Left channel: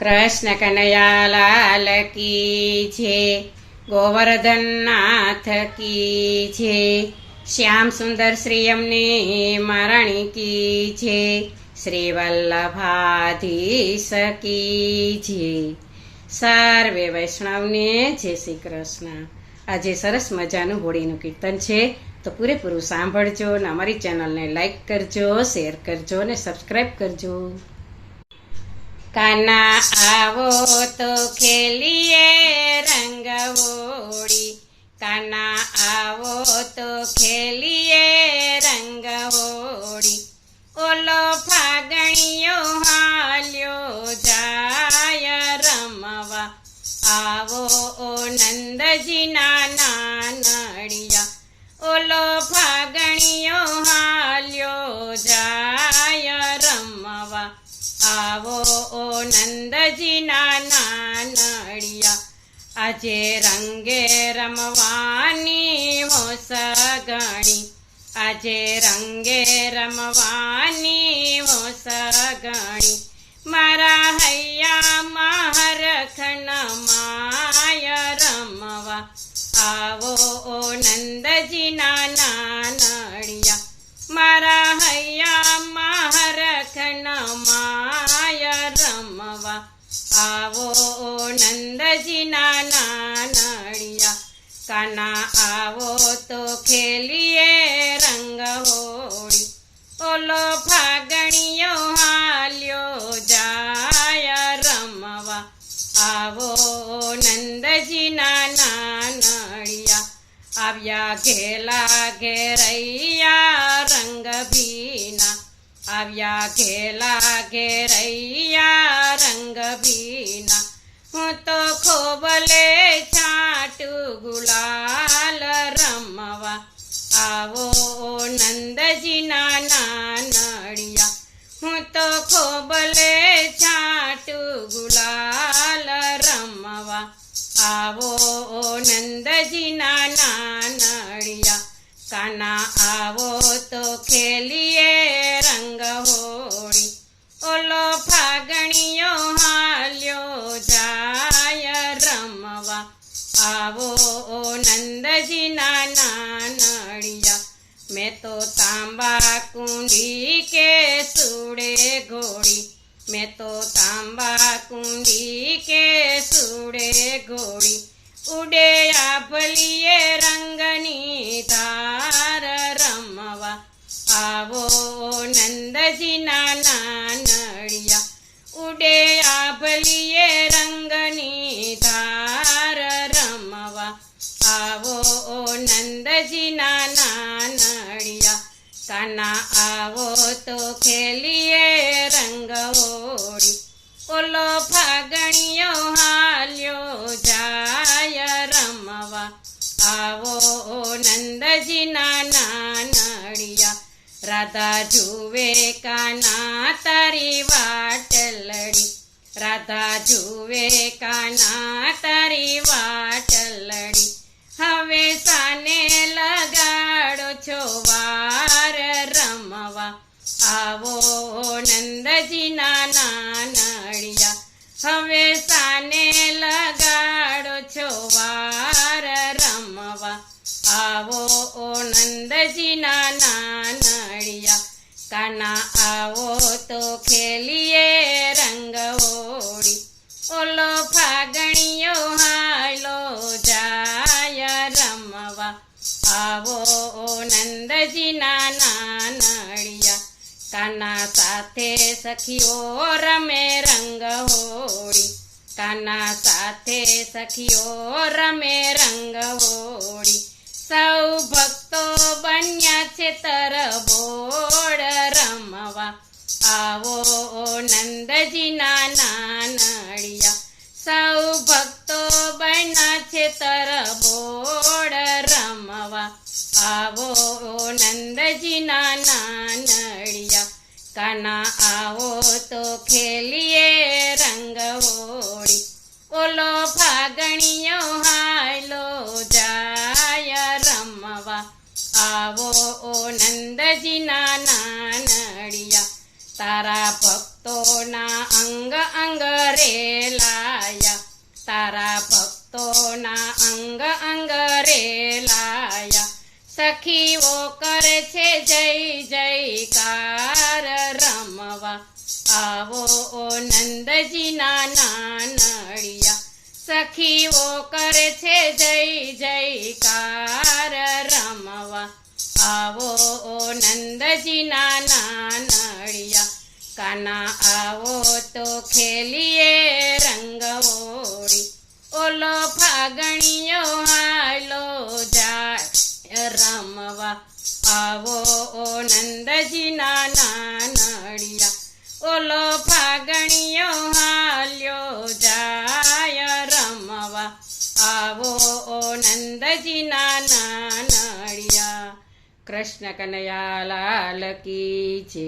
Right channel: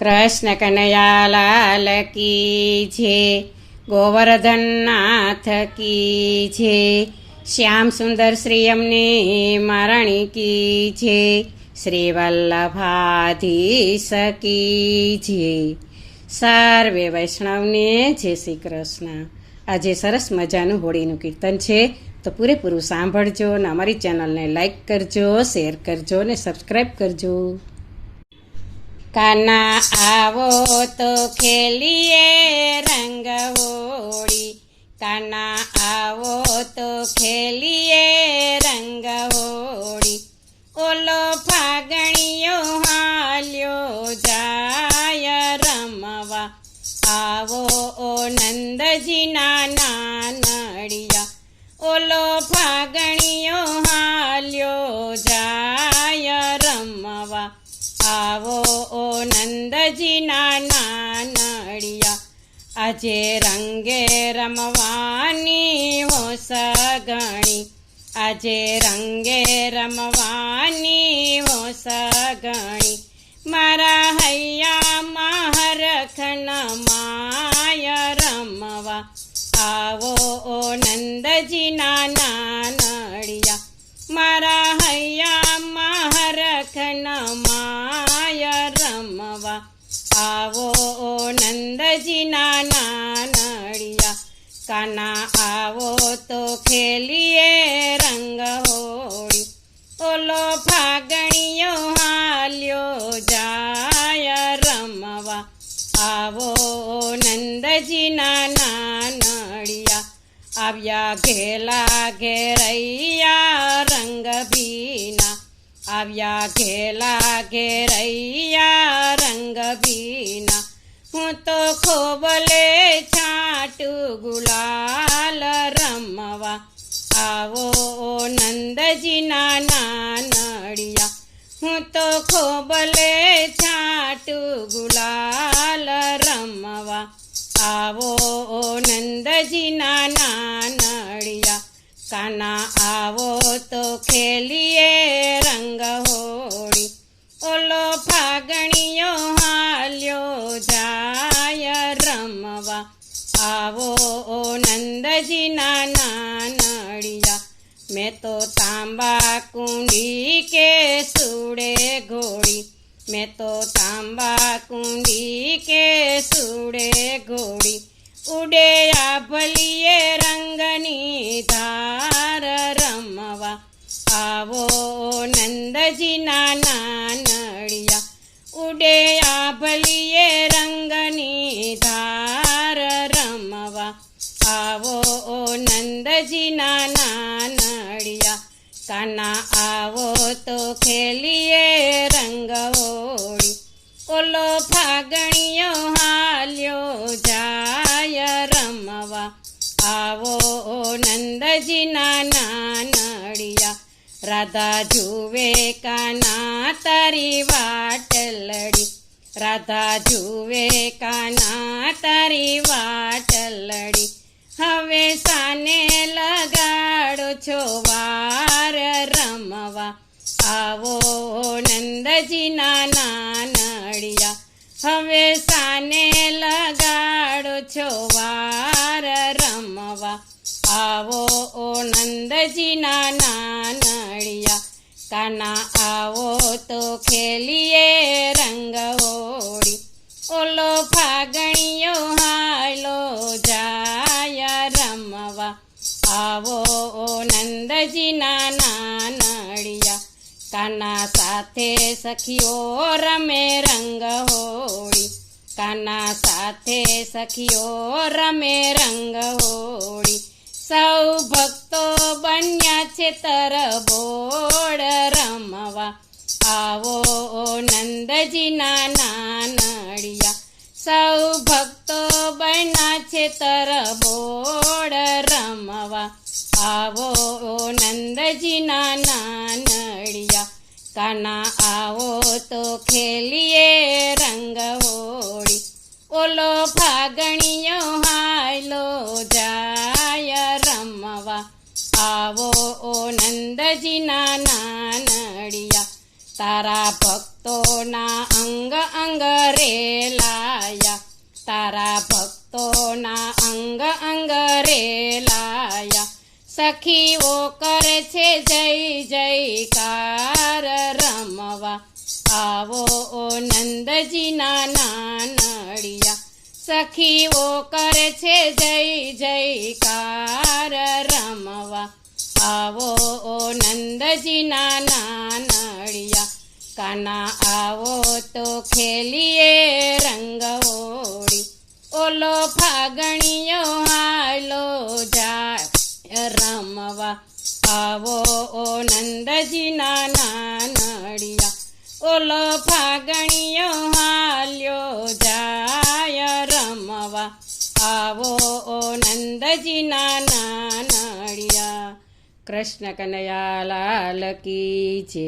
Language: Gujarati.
કૃષ્ણ કનૈયા લાલ કી છે, ગોવર્ધન નાથ કી છે, શ્યામ સુંદર શ્રી અમને મહારાણી કી છે, શ્રી વલ્લભાધીશ કી છે. સર્વે વૈષ્ણવને જય શ્રી કૃષ્ણ. આજે સરસ મજાનું હોળીનું કીર્તન છે, તો પૂરેપૂરું સાંભળજો ને અમારી ચેનલને લાઈક કરજો, શેર કરજો ને સબસ્ક્રાઈબ કરજો. કાના આવો તો ખેલીએ રંગ હોળી, કાના આવો તો ખેલીએ રંગ હોળી, ઓલો ફાગણીયો હાલ્યો જાય રમવા, આવો ઓ નંદજીના નાનડિયા, ઓલો ફાગણીયો હાલ્યો જાય રમવા, આવો ઓ નંદજીના નાનડિયા. આજે રંગે રમવાની હો સગણી, આજે રંગે રમવાની હો સગણી, મારા હૈયામાં હરખન માય રમવા, આવો ઓ નંદજીના નાનડિયા, મારા હૈયામાં હરખન માય રમવા, આવો ઓ નંદજીના નાનડિયા. કાના આવો તો ખેલીએ રંગ હોળી, ઓલો ફાગણીયો હાલ્યો જાય રમવા, આવો નંદજીના નાનડિયા. આવ્યા ઘેલા ઘેરૈયા રંગ ભીના, આવ્યા ઘેલા ઘેરૈયા રંગ ભીના, હું તો ખોબલે છાટું ગુલાલ રમવા, આવો નંદજીના નાનડિયા, હું તો ખોબલે છાટું ગુલાલ રમવા, આવો નંદજીના નાનડિયા. કાના આવો તો ખેલીએ રંગ હોળી, ઓલો ફાગણીયો હાલ્યો જાય રમવા, આવો નંદજીના નાનડિયા. મેં તો તાંબા કુંડી કે સુડે ઘોડી, મેં તો તાંબા કુંડી કે સુડે ઘોડી, ઉડે આભલીએ રંગની ધાર રમવા, આવો નંદજીના નાનડિયા, ઉડે આભલીએ રંગની ધાર રમવા, આવો નંદજીના નાનડિયા. કાના આવો તો ખેલીએ રંગ હોળી, ઓલો ફાગણીયો હાલ્યો જાય રમવા, આવો નંદજીના નાનડિયા. રાધા જુએ કાના તારી વાટ લડી, રાધા જુએ કાના તારી વાટ લડી, હવે સાને લગાડો છો વાર રમવા, આવો નંદજીના નાનડિયા, હવે સાને લગાડો છો વાર રમવા, આવો નંદજીના નાનડિયા. કાના આવો તો ખેલીએ રંગ હોળી, ઓલો ફાગણીયો હાલો જાય રમવા, આવો નંદજીના નાનડિયા. કાના સાથે સખીઓ રમે રંગ હોળી, કાના સાથે સખીઓ રમે રંગ હોળી, સૌ ભક્તો બન્યા છે તરબોળ રમવા, આવો નંદજીના નાનડિયા, સૌ ભક્તો બન્યા છે તરબોળ રમવા, આવો નંદજીના નાનડિયા. કાના આવો તો ખેલીએ રંગ હોળી, ઓલો ફાગણીયો હાલો જાય રમવા, આવો નંદજીના નાનડિયા. તારા ભક્તોના અંગ અંગ અંગ રે લાયા, તારા ભક્તોના અંગ અંગ રે લાયા. સખીઓ કરે છે જય જયકાર રમવા, આવો ઓ નંદજીના નાનડિયા. સખીઓ કરે છે જય જયકાર રમવા, આવો ઓ નંદજીના નાનડિયા. કાના આવો તો ખેલીએ રંગ ઓળી, ઓલો ફાગણીયો હાલો જાય રમવા, આવો ઓ નંદજીના નાનડિયા. ઓલો ફાગણીયો હાલ્યો જાય રમવા, આવો ઓ નંદજીના નાનડિયા. કૃષ્ણ કનૈયા લાલ કી જય.